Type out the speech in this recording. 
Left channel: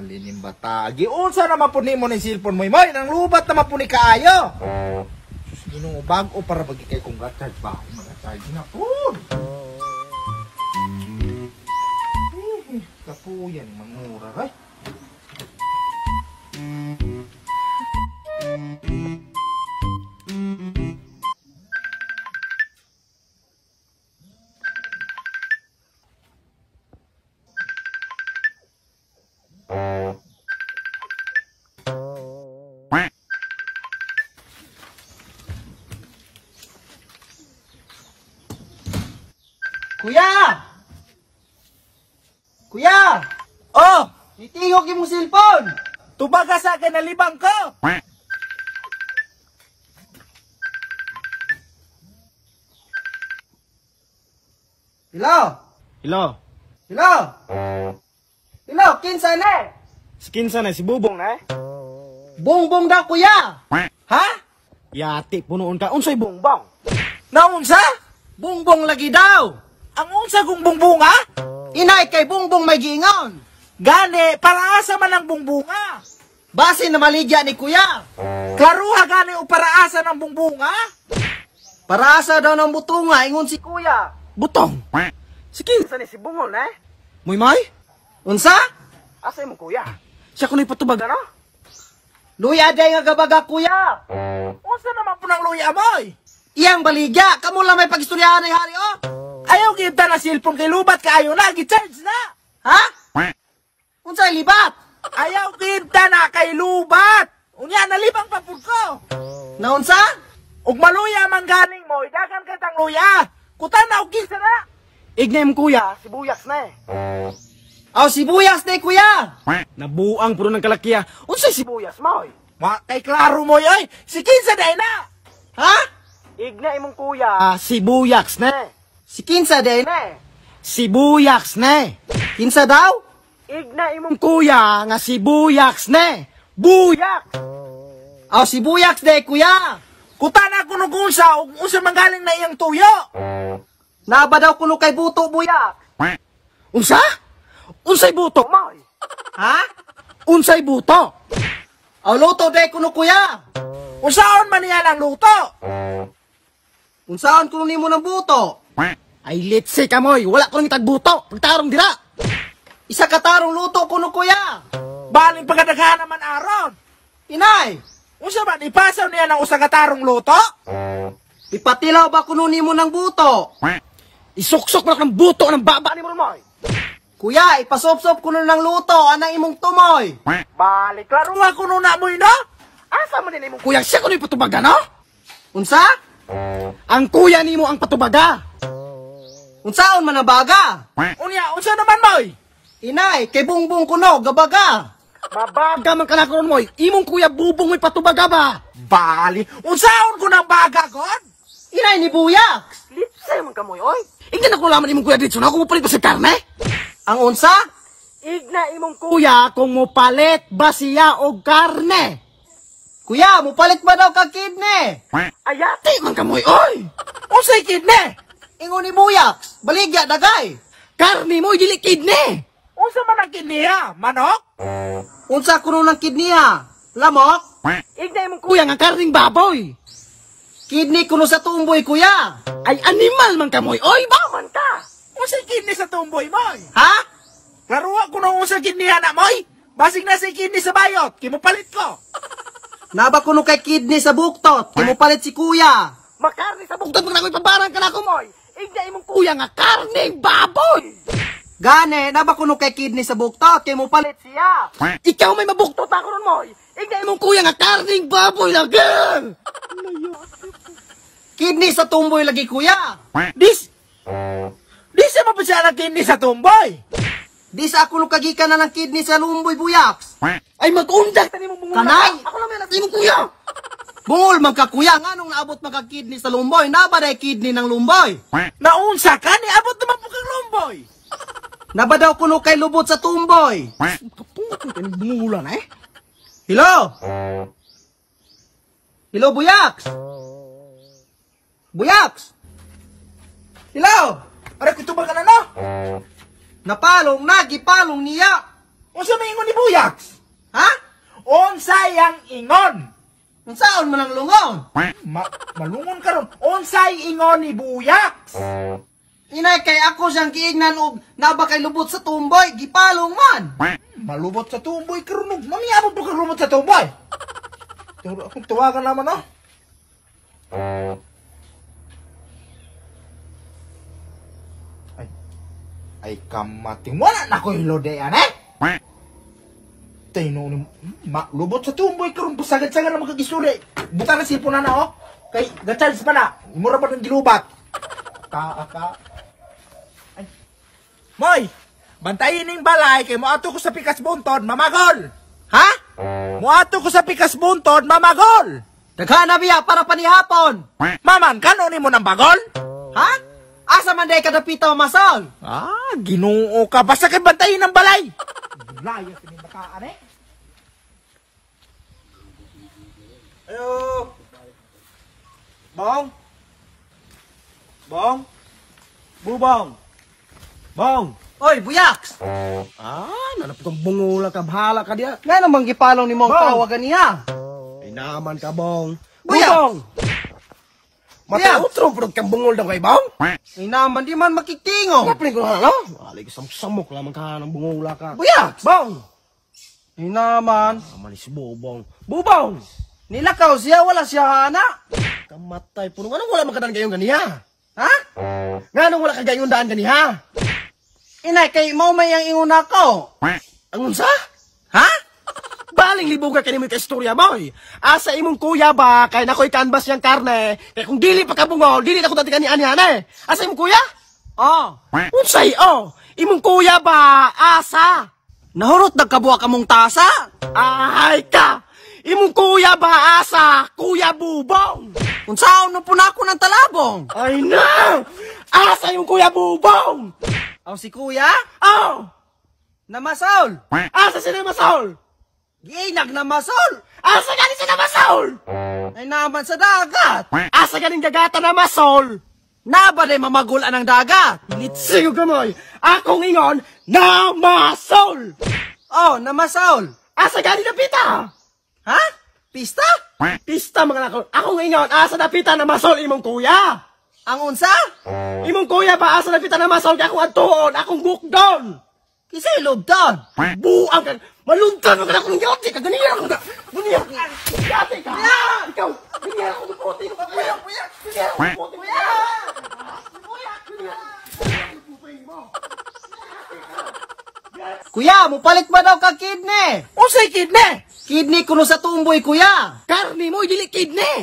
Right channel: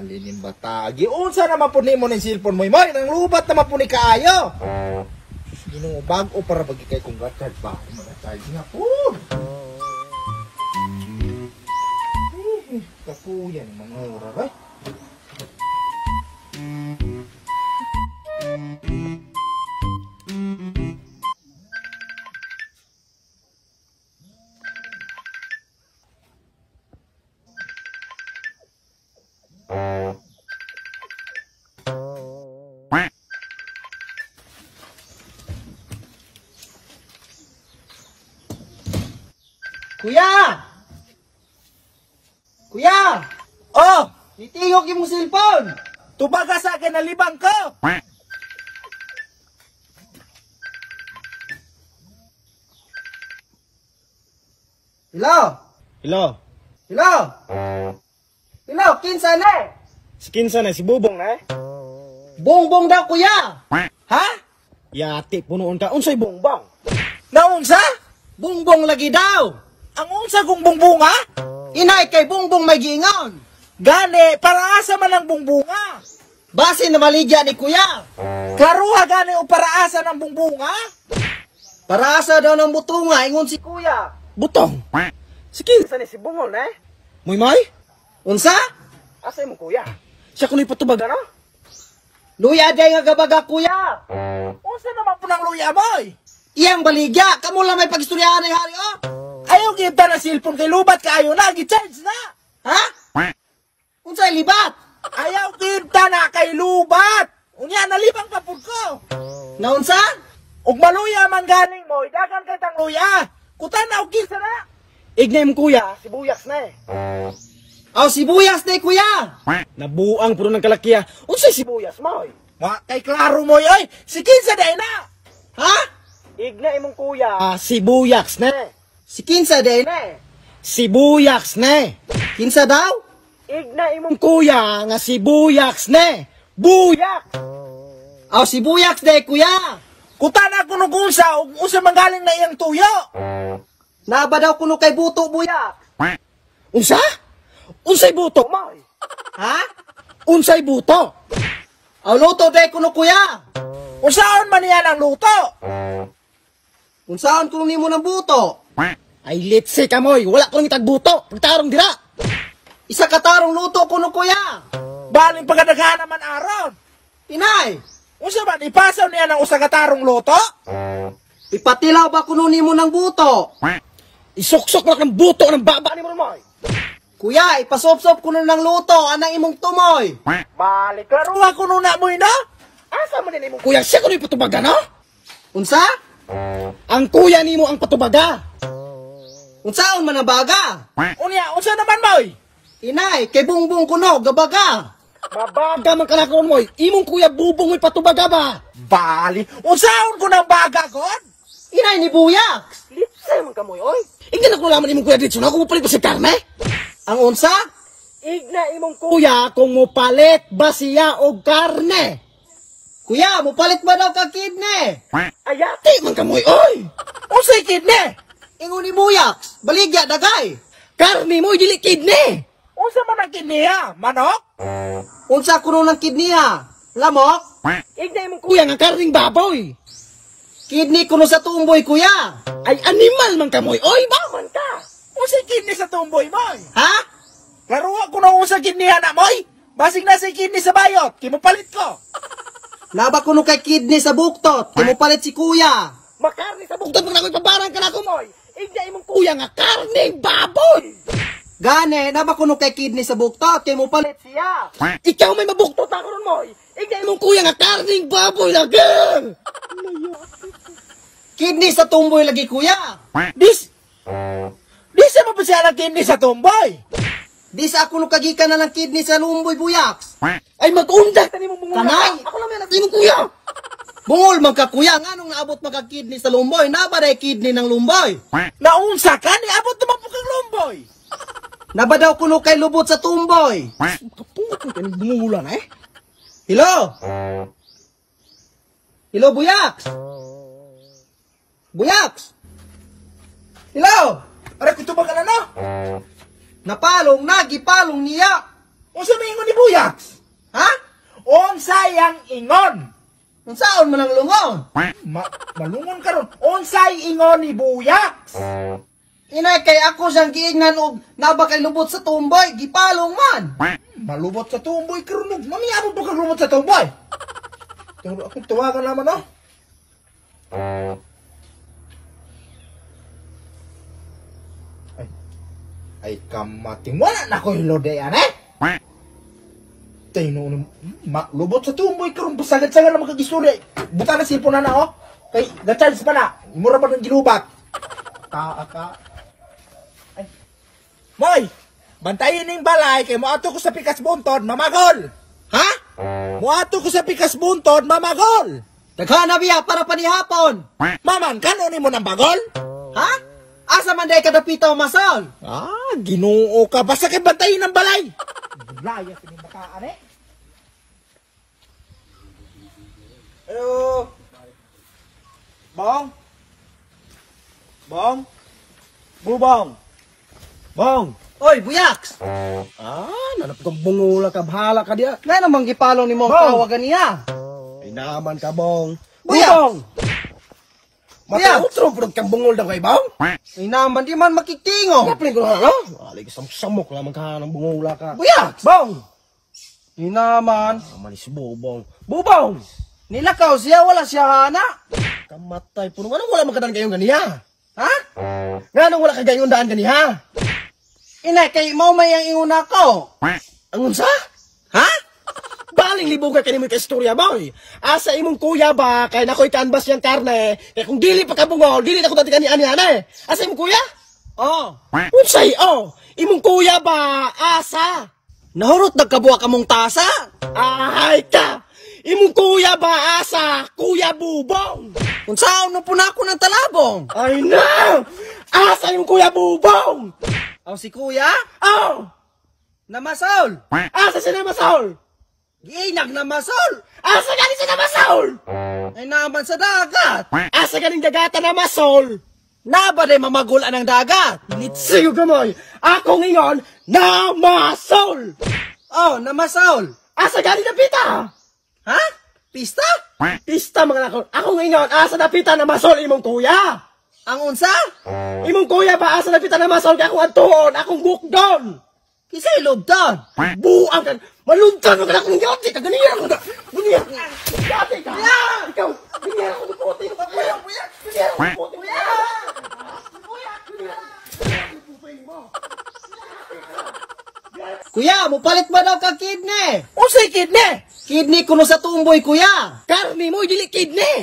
Bali ning bata. Giunsa naman po nimo ning cellphone mo, Moy? Nang lubat naman po ni kaayo. Ginoo bag-o para bagi kay kung gatad ba ako mag-charge nga po. Kapuyan mangura ay. Kuya! Kuya! Oh! Itingok yung cellphone! Tubaga sa akin na libang ko! Hello? Hello? Hello? Hello? Kinsa na? Si Kinsa na, si Bubong na eh? Bongbong daw, kuya! Ha? Yati, punoon ka. Unsay bongbong? Naunsa? Bongbong lagi daw! Ang unsa kong bongbonga? Inay kay bongbong may giingon! Gani, para asa man ang bongbonga? Base na maligya ni kuya! Klaruha gani o para asa ng bongbonga? Para asa daw ng butunga, ingon si kuya! Butong? Si Kinsa ni si Bungol eh? Muy? Unsa? Asa mo kuya? Siya kuno'y patubag ano? Luya day nga gabaga kuya! Unsa naman po ng luya moy? Iyang baligya, kamo lang may pagistoryahan ni hari oh! Ayaw kita na cellphone kay lubat kaayo na, gi-charge na! Ha? Unsay libat? Ayaw kita na kay lubat! Unya, nalibang papud ko! Naunsa? Ug maluya man galing mo, idagan kay tang luya! Kutan na og Kinsa na! Ignay mo kuya, sibuyas na eh. Aw sibuyas day kuya! Nabuang puro ng kalakiya. Unsay sibuyas mo? Kay klaro mo yoy, si Kinsa day na! Ha? Ignay mong kuya, sibuyas na. Si Kinsa day? Sibuyas na. Kinsa daw? Ignay mong kuya nga sibuyas na. Buyak! Aw sibuyas day kuya! Kutana ko nung unsa manggaling na iyang tuyo. Naba daw kuno kay buto buya. Unsa? Unsay buto mo? Ha? Unsay buto? Aw luto day kuno kuya. Unsaon man niya ang luto? Unsaon kuno nimo ng buto? Ay litsi ka moy, wala ko nang tagbuto. Pagtarong dira. Isa ka tarong luto kuno kuya. Baling pagkadaghan naman aron. Inay, Unsa ba ipasaw niya ng usa ka tarong luto? ipatilaw ba kuno nimo ng buto? Isuksok lang ng buto ng baba ni mo moy. Kuya, ipasop-sop kuno ng luto anang imong tumoy. Balik klaro nga kuno na moy na. Asa man din imong kuya siya kuno patubaga no? Unsa? Ang kuya nimo ang patubaga. Unsaon man ang baga? Unya, unsa naman moy? Inay, kay bungbong kuno gabaga. Mabaga man kana karon moy. Imong kuya Bubong may patubaga ba? Bali, unsaon ko nang baga god? Inay ni buyak. Lipsay man kamoy oy. Igna ko laman imong kuya dito na kung mupalit ba sa karne? Ang unsa? Igna imong kuya kung mupalit ba siya og karne? Kuya, mupalit ba daw ka kidney? Ayati man kamoy oy. Unsay kidney? Ingon ni buyak, baligya dagay. Karne mo dili kidney. Unsa man ang kidney ha? Manok? Unsa kuno ng kidney ha? Lamok? Igna imong kuya nga karning baboy. Kidney kuno sa tumboy kuya. Ay animal man kamoy oy, ba man ka? Unsay kidney sa tumboy moy? Ha? Klaro ko na unsay kidney na moy. Basig na si kidney sa bayot, kimupalit ko. Naba kuno kay kidney sa buktot, kimupalit si kuya. Makarni sa buktot mo na ko'y pabarang ka na ko moy. Igna imong kuya nga karning baboy. Gane, naba kuno kay kidney sa buktot, kimupalit siya. Ikaw may mabuktot ako ron moy. Igna imong kuya nga karning baboy lagi. Kidney sa tumboy lagi kuya. Di siya mapasya ng kidney sa tumboy. Di sa ako nung kagikan na ng kidney sa lumboy buyaks. Ay mag-unday tani mong bungol. Kanay? Ako lang may nasimong kuya. Bungol man ka kuya, nga nung naabot maka kidney sa lumboy, naba day kidney ng lumboy. Naunsa ka ni abot naman po kang lumboy. Naba daw kuno kay lubot sa tumboy. Kapungot mo tani bungulan eh. Hello? Hello buyaks? Buyaks? Hello? Pare kutubal ka na no? Napalong na, gipalong niya. Unsa may ingon ni Buyaks? Ha? Unsay ang ingon? Unsaon man ang lungon? Malungon karon. Unsay ingon ni Buyaks? Inay kay ako siyang giingnan og naba kay lubot sa tumboy, gipalong man. Malubot sa tumboy karon. Mamiyabot mo ka lumot sa tumboy. Pero akong tuwagan naman oh. Ay kamating wala na ko hilodean eh. Tino lubot sa tumboy karon busagad-sagad na makagisuri. Buta na sipon na oh. Kay ga-charge pa na. Mura pa ng gilubat. Ay. Moy, bantayin ning balay kay moato ko sa pikas buntod mamagol. Ha? Moato ko sa pikas buntod mamagol. Daghan na biya para panihapon. Maman kano nimo nang bagol? Ha? Asa man day kadapita masal? Ah, Ginoo ka basta kay bantayin ang balay. Layas ni bataan eh. Ayo. Bong. Bong. Bubong. Bong. Oy, Buyaks. Nanap kang bungula ka, bahala ka diya. Ngay namang gipalong ni mong tawagan niya. Ay naman ka, Bong. Buyang! Matautro, pero kang bungol daw kay Bong. Ay naman, di man makikingo. Kapaling ko na, no? Alig, samok lamang ka ng bungula ka. Buyaks! Bong! Ay naman. Malis Bubong. Bubong! Nilakaw siya, wala siya hana. Kamatay, puno. Anong wala magkadaan kayong ganiha? Ha? Nga nung wala kagayong daan ganiha? Inay, kay mau may ang inguna ko. Angon sa? Ha? Baling libog ka kanimo ka istorya, boy. Asa imong kuya ba, kay nakoy canvas yang karne, kay kung dili pa kabungol, dili na ko dati kani-ani-ani. Asa imong kuya? Oh. Unsay, oh. Imong kuya ba, asa? Nahurot nagkabuha ka mong tasa? Ahay ka! Imong kuya ba, asa? Kuya Bubong! Kung saan no po na ako ng talabong? Ay na! Asa yung kuya Bubong? Ang si kuya? Oh! Namasol! Asa si Namasol? Ginag Namasol! Asa galing si Namasol? Ay naman sa dagat! Asa galing dagata Namasol? Nabaday mamagulan ng dagat! Litsiyo gamoy! Akong ingon, Namasol! Oh, Namasol! Asa galing na pita? Ha? Pista? Pista mga nakon. Akong ingon, asa na pita Namasol imong kuya? Ang unsa? Imong kuya ba asa na pita Namasol kay akong atuon, akong bukdon? Kisay lobdon? Buang kan. Maluntan ka akong yati ka ganiya ko. Ganiya ko. Yati ka. Ikaw, ganiya ko puti. Ganiya ko puti. Kuya, mupalit ba daw ka kidney? Unsay kidney? Kidney kuno sa tumboy, kuya. Karni mo dili kidney.